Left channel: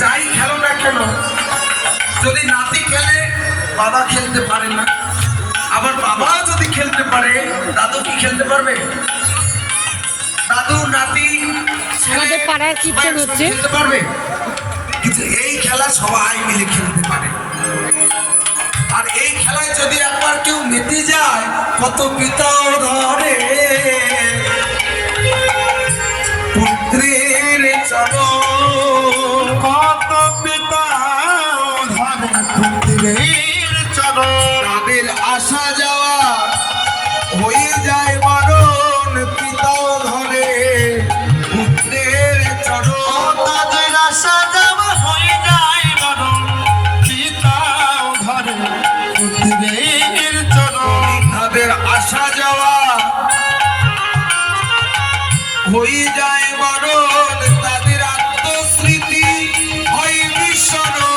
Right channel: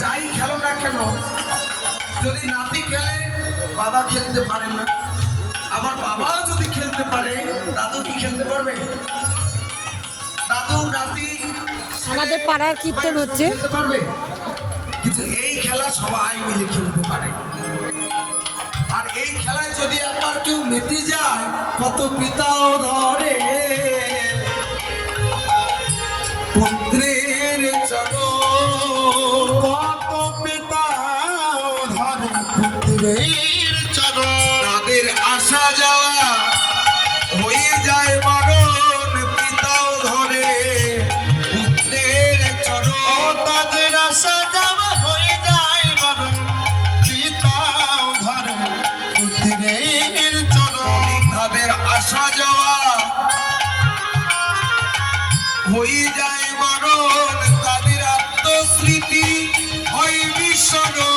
যাই খেলো না কেন, যদি নাতি খেলে বাবা খেলতে পারে না, আবার বাবা যদি খেলতে পারে দাদু কি খেলতে পারবে? দাদু নাতি আমাদের পাড়ার কীর্তন হচ্ছে, খেলতে পারবে? কিন্তু এই খেলা সবাই মিলে খেলতে পারে। আর এই খেলায় যদি একবার কেউ মেতে যায়, কত পিতাও ধরে পুত্রের চরণ, কত পিতাও ধরে পুত্রের চরণ। তাদের আসা যাওয়া হয়ে যায় বারণ, পিতাও ধরে পুত্রের চরণ। তাদের আসা যাওয়া হয়ে যায় বারণ, পিতাও ধরে পুত্রের চরণ। তাদের আসা যাওয়া হয়ে যায় বারণ, তাদের আত্মস্মৃতি হয় বিস্মরণ।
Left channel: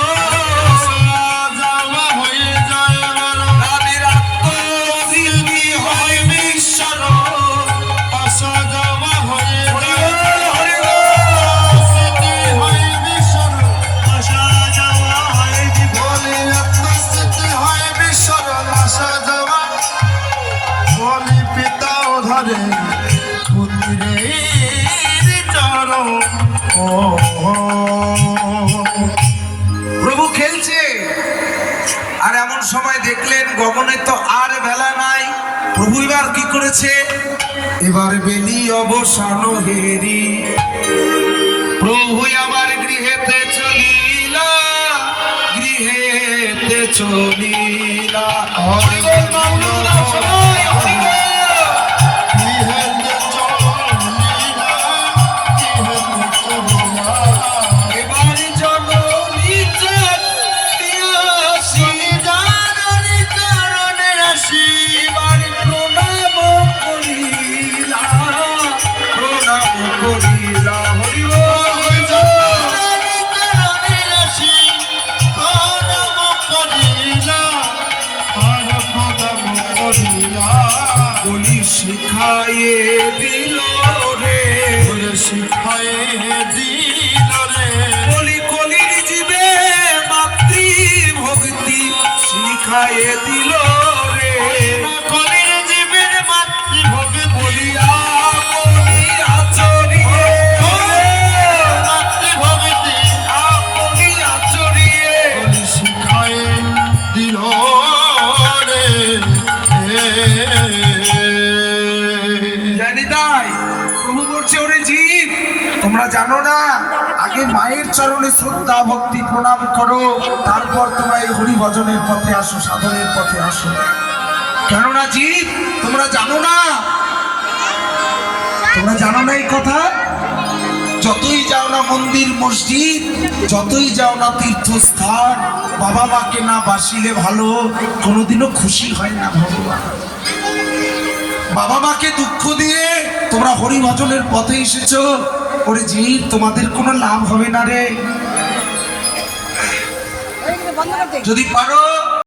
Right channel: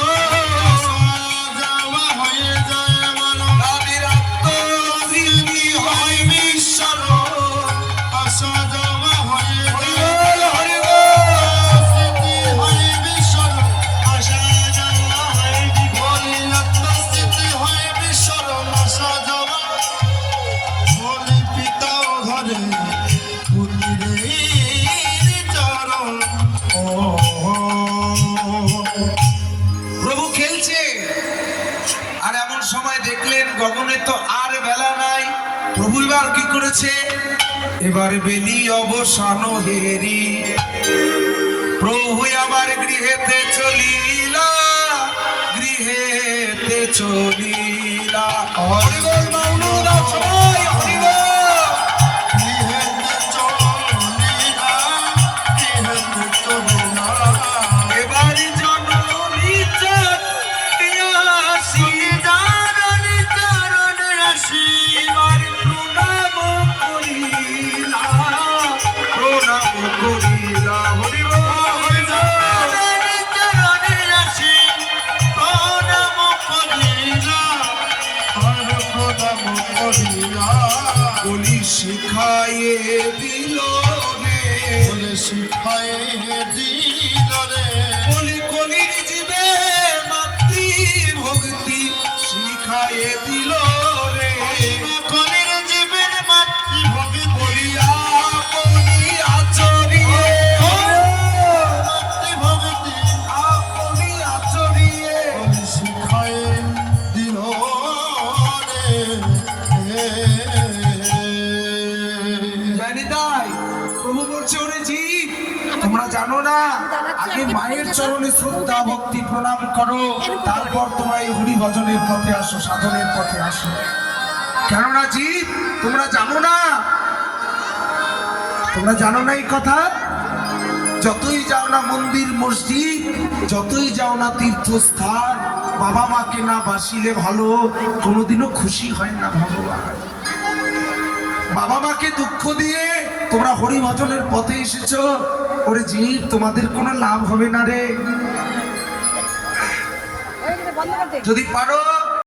হয়ে যায় বারণ, তাদের আত্মস্মৃতি হয় বিস্মরণ। আসা যাওয়া হয়ে যায় স্মৃতি হয় বিস্মরণ, আসা যাওয়া হয় বলে আত্মস্মৃতি হয় বিস্মরণ। আসা যাওয়া বলে পিতাও ধরে প্রভু খেলছে। আর এমন সময় দেখলেন গগনে তো আর বেলা নাই। প্রভু এবার কি করেছে? এবার বেলি অবসান হেরি প্রভু আবার গৃহেতে চলিলা, গৃহেতে চলিলা। শিখায়ে দিল রে, শিখায়ে দিল রে, কলি কলির জীবে মাতৃ ভক্তি শিখায়ে দিল রে। কলির জীবে মাতৃ ভক্তি বলিয়া কলি আচরি মাতৃ ভক্তি আপনি আচরিয়ে শিখায়ে দিল রে। প্রভু বলছে, ওরে জীব, তোমরা জানো না আগে মায়ের চরণে শ্রদ্ধা ভক্তি প্রণাম করো, তারপর তোমরা এই হরি ভজনের পথে আসো, সাধনের পথে আসো। কেননা জীব তোমরা জানো না, তোমরা জানো না এই কথা। যতই যাও না মন্দির মসজিদ, যতই যাও না তীর্থস্থান, বাবা মাকে না বাসিলে ভালো কোনোদিনও খুশি হয় না ভগবান। বাবা মাকে দুঃখ দিয়ে তোমরা হরি ভজনের পথে এসেছো, ওরে জীব তোমাদের কোনো লাভ হবে না রে। যদি পারো